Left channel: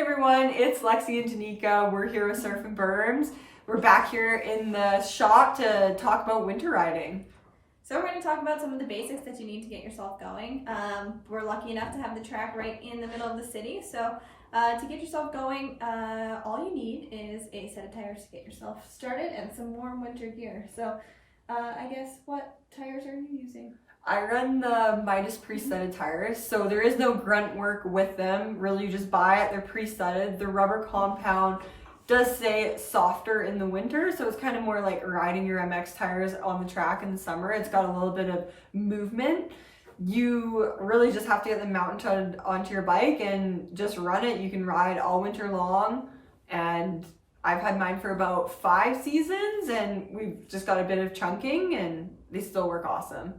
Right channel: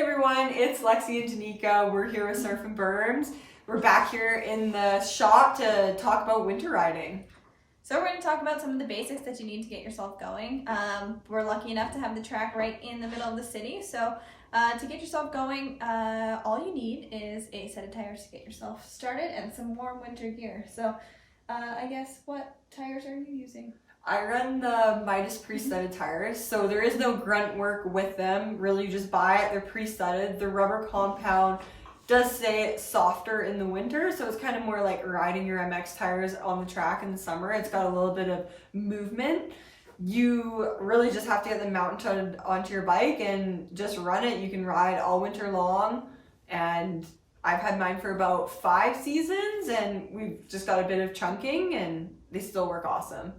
everyone, it's Lexi and Danika. We're here with SurfinBerms. We're back here in the shop to talk about winter riding. So we're going to talk about some of the basics that you need to get yourself going. We're lucky enough to have the track right in the middle of the city. So to get yourself going, all you need is a set of tires to get yourself started and some warm winter gear. So I guess, what tires are you using? I run the Midas pre-studded tires, so there is no grunt work with them. Really, you just buy it, they're pre-studded. The rubber compound does stay softer in the winter, so it's kind of more like riding your MX tires on the track in the summer. It's got a little bit of movement. You really just have to get them mounted onto your bike and just run it. You can ride all winter long, and I've had mine for about 5 seasons, and we've just got a bit of chunking, and they still work awesome.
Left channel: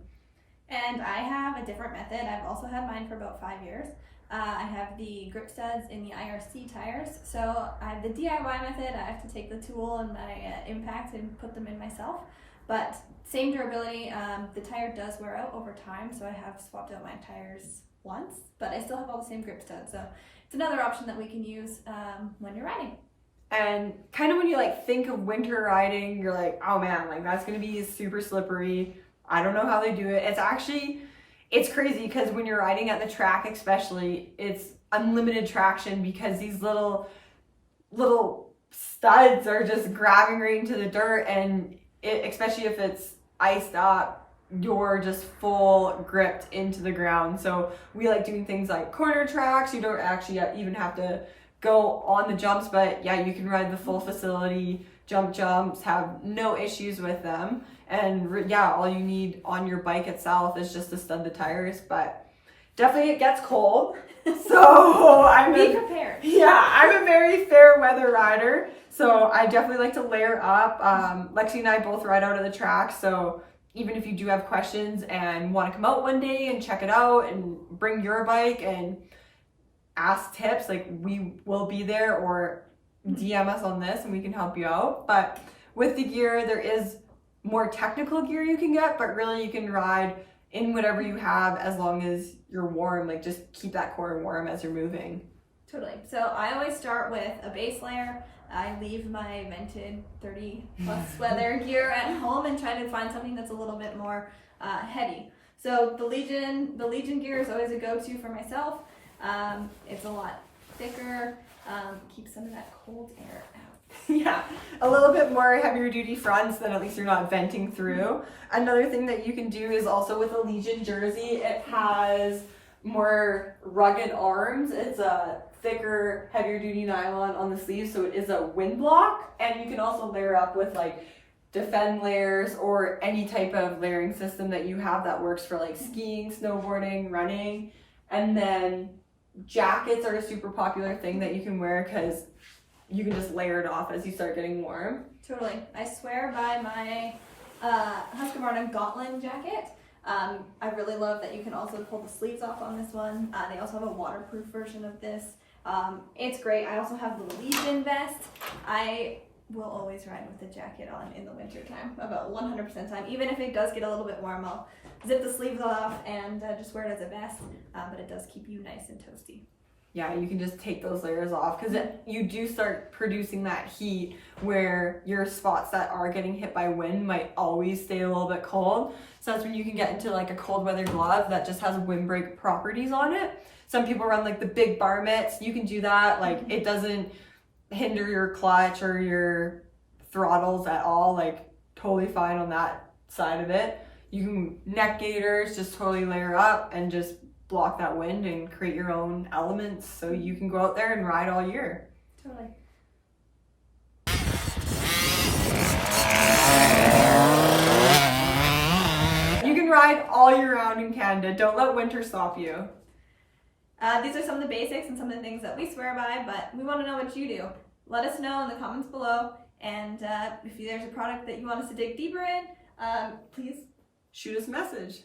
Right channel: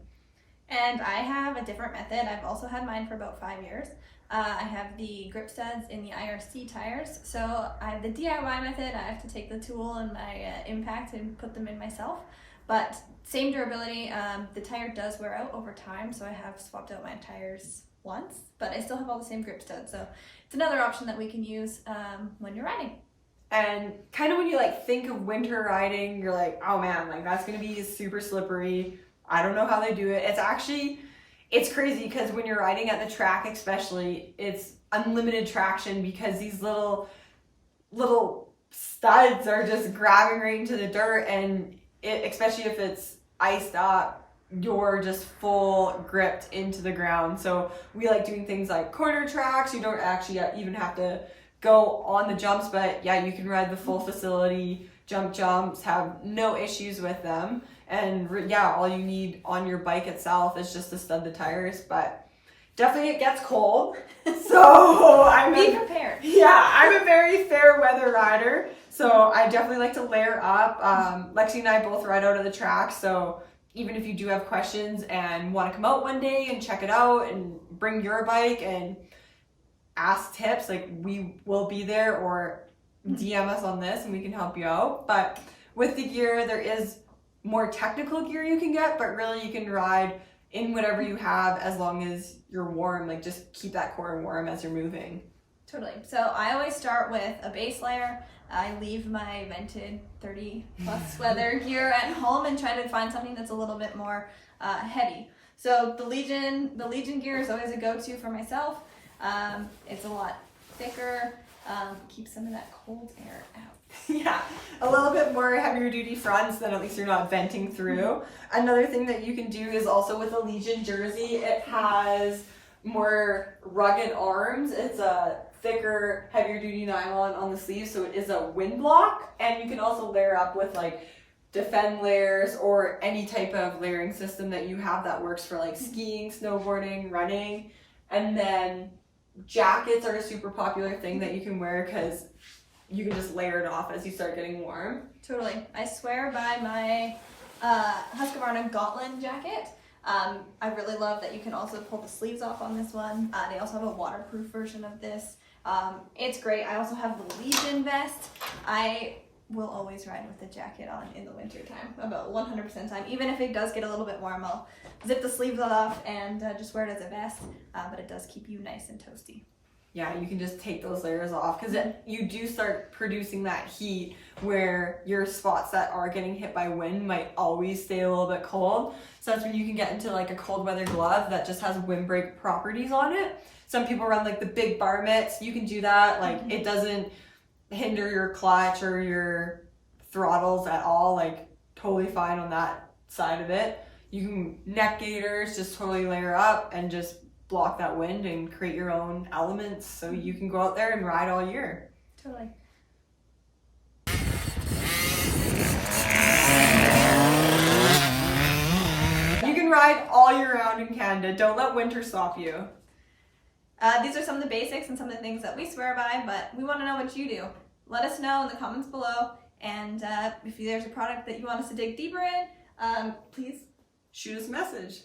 And I have a different method. I've also had mine for about 5 years. I have the grip studs in the IRC tires. So I have the DIY method. I have to take the tool and my impact and put them in myself. But same durability. The tire does wear out over time, so I have swapped out my tires once, but I still have all the same grip studs. So it's another option that we can use when you're riding. And kind of when you think of winter riding, you're like, oh man, that's gonna be super slippery. I don't know how they do it. It's crazy because when you're riding at the track especially, it's unlimited traction because these little studs are just grabbing right into the dirt, and especially if it's iced up, you're just full gripped into the ground. So we like doing things like corner tracks. You don't actually even have to go on the jumps, but yeah, you can ride the full facility jumps, have no issues with them. And yeah, all you need on your bike itself is just to stud the tires, but definitely it gets cold. So Be prepared. Yeah, I'm a very fair weather rider, so I definitely like to layer up. Lexi and I both ride out of the track, so even if you do have questions and want to come out one day and check it out and bring your bike and ask tips, we will be there, or DM us on this and we can help you out. But with the gear, there is more technical gear you can get, but really you can ride in whatever you have as long as you're warm. Just keep that core warm as you're moving. Totally. So I always start with a base layer. I leave my vented 30 plus weather gear at home and try to find something that's a little bit more heavy. So the Legion gear is always a go-to for myself. It's a lot thicker, keeps some of that cold air out. Yeah, a little bit more heavier duty fronts, then at least you're not venting through. Another thing that you can do is also with a Legion jersey, it has more rugged arms. It's a thicker, heavier duty nylon on the sleeves, so it is a wind block. And you can also layer up with defend layers or any type of layering system that you have that works for skiing, snowboarding, running. And then jackets are a super popular thing that you can wear because you can just layer it off as you start getting warm. Totally. I swear by my Husqvarna Gotland jacket. I really love that you can also pull the sleeves off on this one. They also have a waterproof version of this. It's great. I also have the Legion vest. I will always ride with the jacket on in the winter time, about 100% of the time. Even if it does get a little bit warm, I'll zip the sleeves off and just wear it as a vest, but it does keep you nice and toasty. Yeah, you can just take those layers off because you do start producing that heat where your spots that are getting hit by wind might always stay a little bit cold. So that's when you can get into a cold weather glove that just has windbreak properties on it. Some people run the big bar mitts. You can do that. It doesn't hinder your clutch or your throttles at all. Totally fine on that side of it. You can neck gaiters, just totally layer up and just block that wind and create your own elements so you can go out there and ride all year. Totally. You can ride all year round in Canada. Don't let winter stop you. These are some of the basics and some of the things that we swear by, but we want to know what you do. Let us know in the comments below, and if there's a product that you want us to dig deeper in, please shoot us a message.